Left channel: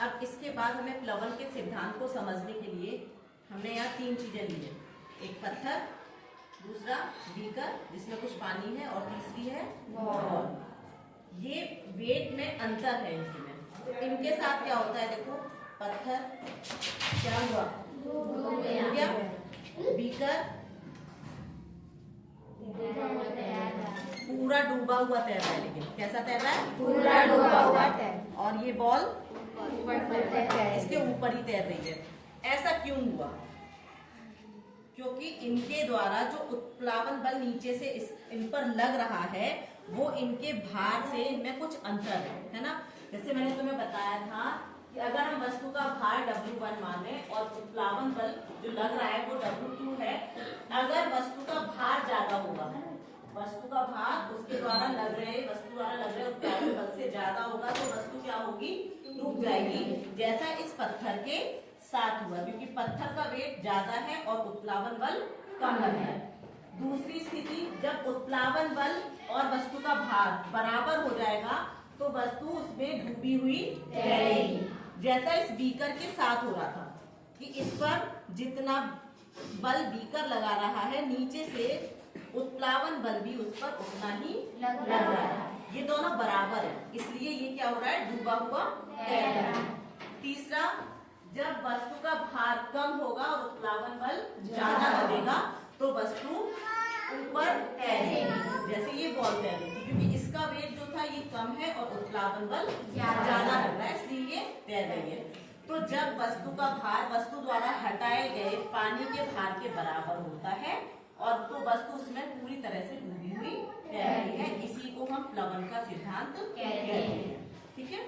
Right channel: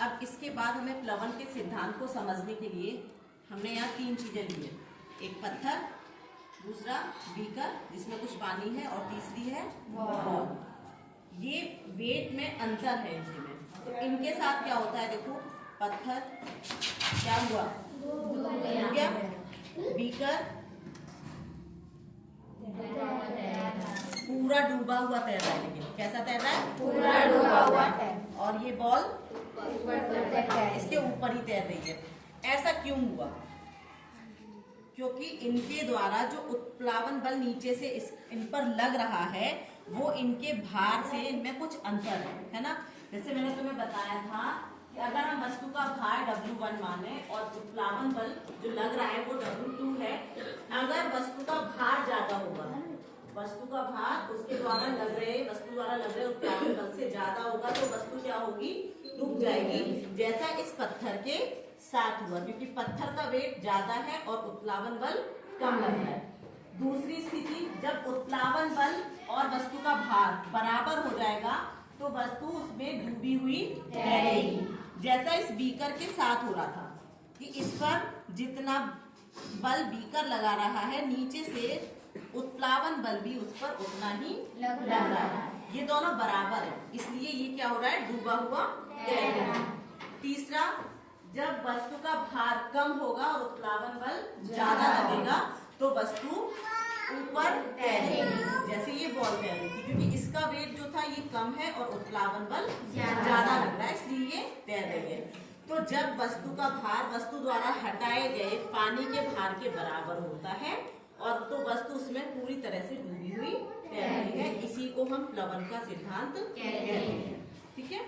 अब इसके बाद हमें प्लवन के सिद्धांत को समझने के लिए हमने यहाँ 3 चीजें ली है। एक पत्थर, दूसरा बीकर जिसमें कुछ पानी है, और तीसरी है बॉल। ये वेट में अंतर है इनके में। तो इनके साथ क्या होता है, देखो पत्थर क्या हुआ, क्या बीकर पूरा डूबा हुआ तैर रहा है। कैसा तैर रहा है, पूरा डूबा हुआ तैर। और ये बॉल इसके ऊपर ही तैर रही है। ऐसा क्यों हुआ? क्योंकि इनके द्वारा जो उत्प्लावन बल नीचे से इन पर लग रहा है वो इनके भार से इनमें कुछ अंतर है ना। जैसे मैंने तुम्हें बताया था कि अगर हम वस्तु का भार W1 माने और उत्प्लावन बल जो लग रहा है वो W2 है, अगर वस्तु का भार ज्यादा होगा, वस्तु का भार उसके द्वारा लग रहे वस्तु द्वारा लग रहे उत्प्लावन बल से ज्यादा होगा तो वस्तु क्या होगी, रुक जाएगी। जैसा इस पत्थर के साथ हुआ, क्योंकि पत्थर का वेट ज्यादा है और उत्प्लावन बल कम लग रहा है। दूसरी स्थिति, जब उत्प्लावन बल और वस्तु का भार बराबर हो जाएगा तो वस्तु उसमें डूबी हुई तैरेगी। जैसा इस बीकर के साथ हो रहा था कि इस पर जितना बल बीकर लगा रहा है, नीचे से उत्प्लावन बल भी उस पर उतना ही लग रहा है। ये दोनों बराबर है, इसलिए ये क्या हो रहा है, डूबा हुआ तैर रहा है। तीसरा, जब वस्तु का भार कम होगा और उत्प्लावन बल ज्यादा लगेगा तो वस्तु ऊपर तैरेगी। जैसे ये बॉल तैर रही थी, क्योंकि इसका वेट जो था ये कम है और उत्प्लावन बल ज्यादा लग रहा है, इसलिए ये तैर रही है। तो जब वस्तु का भार वस्तु द्वारा हटाए गए पानी के भार के बराबर होता है और तो वस्तु उसमें पूरी तरह से डूबी हुई तैर रही है। इसी को हम प्लवन का सिद्धांत कहते हैं। ठीक है।